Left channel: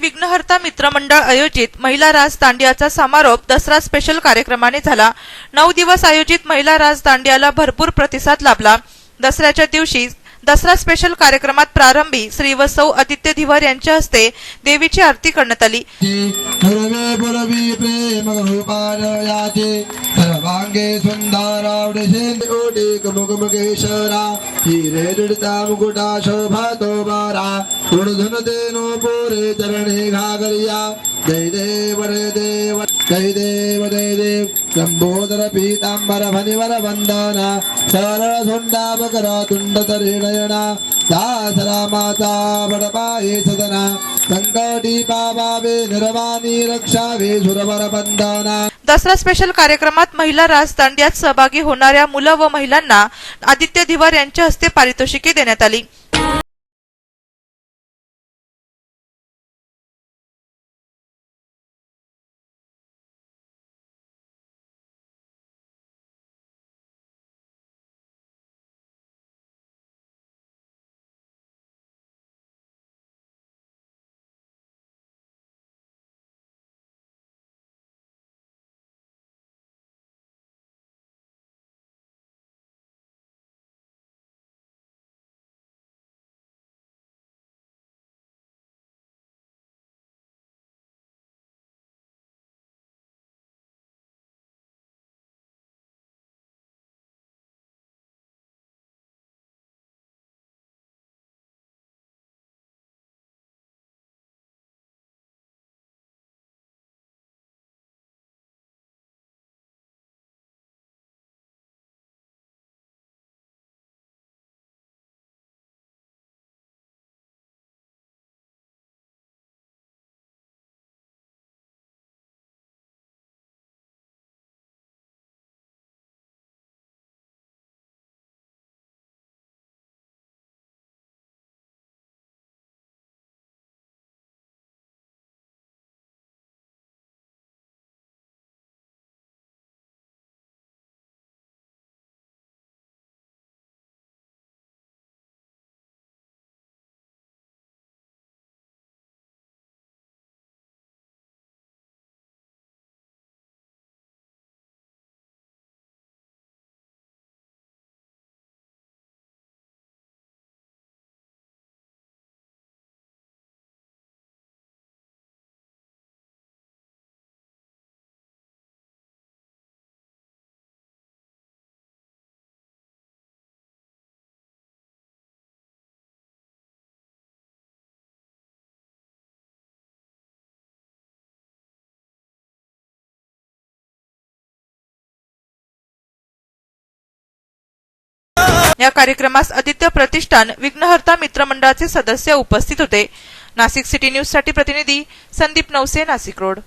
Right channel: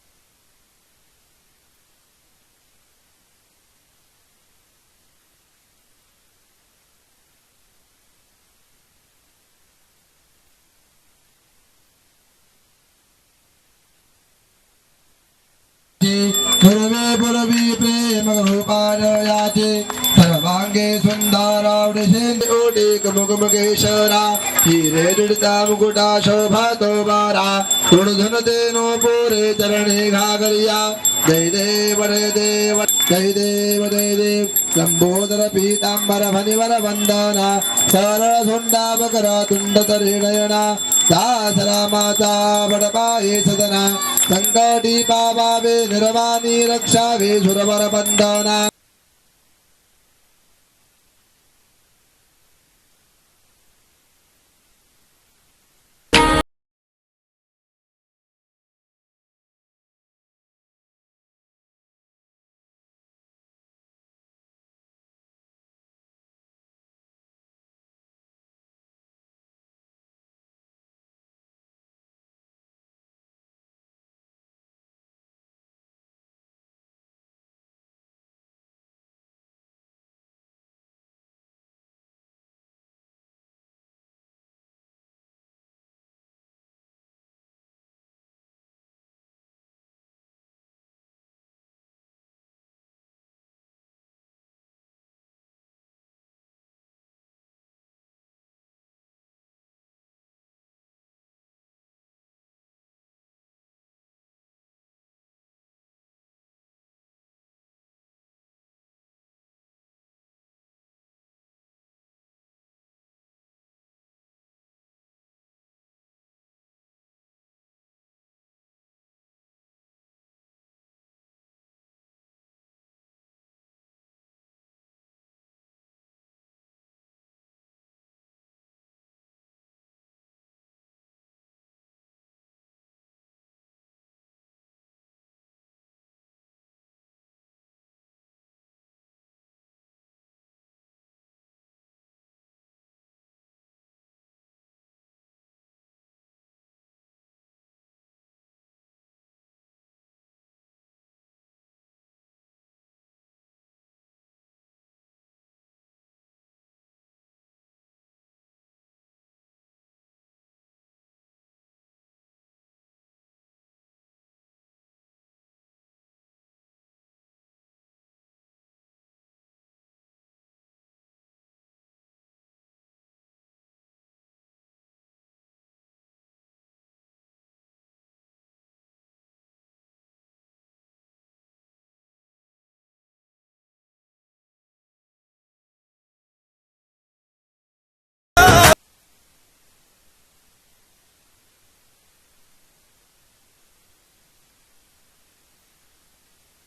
विघ्नहर्ता मित्रमंडळ आयोजित महिला राज दांडियाचा समारोप दसरा स्पेशल कार्यक्रमाने झाला. नऊ दिवस आयोजित महिला राज दांडियाला भरपूर प्रतिसाद लाभला. दसऱ्याच्या दिवशी दसरा स्पेशल कार्यक्रमात प्रारंभी श्री व आदित्य धिवर यांच्या हस्ते देवीची आरती करण्यात आली. पूर्वे पूर्वी प्रेम रूपालयाचे सर्वांगे सुंदरावडे ओटे मुगमुगेश्वरा हिरे दुडता मुकुटा शोभातो बारा गुणधन तेनो पोरे चरणे घागरिया जय देव रे देव जय देव जय देव। लंबोदर पीतांबर फणिवर वंदना सरळ सुंडा मकर तुंड तरिणयना दास रामाचा बडपाये सदना। संकटी पावावे निर्वाणी रक्षावे सुरवर बंधना दसरा स्पेशल कार्यक्रमात महिला राज दांडियात सहभागी होणाऱ्या मुलं व महिलांना आदित्य धिवर यांच्या हस्ते पारितोषिके देण्यात आली. या कार्यक्रमास आदित्य प्रतिष्ठान विघ्नहर्ता मित्रमंडळाचे सदस्य उपस्थित होते. नाशिक सिटी न्यूजसाठी प्रतिनिधी संदीप नवसे नाशिक रोड.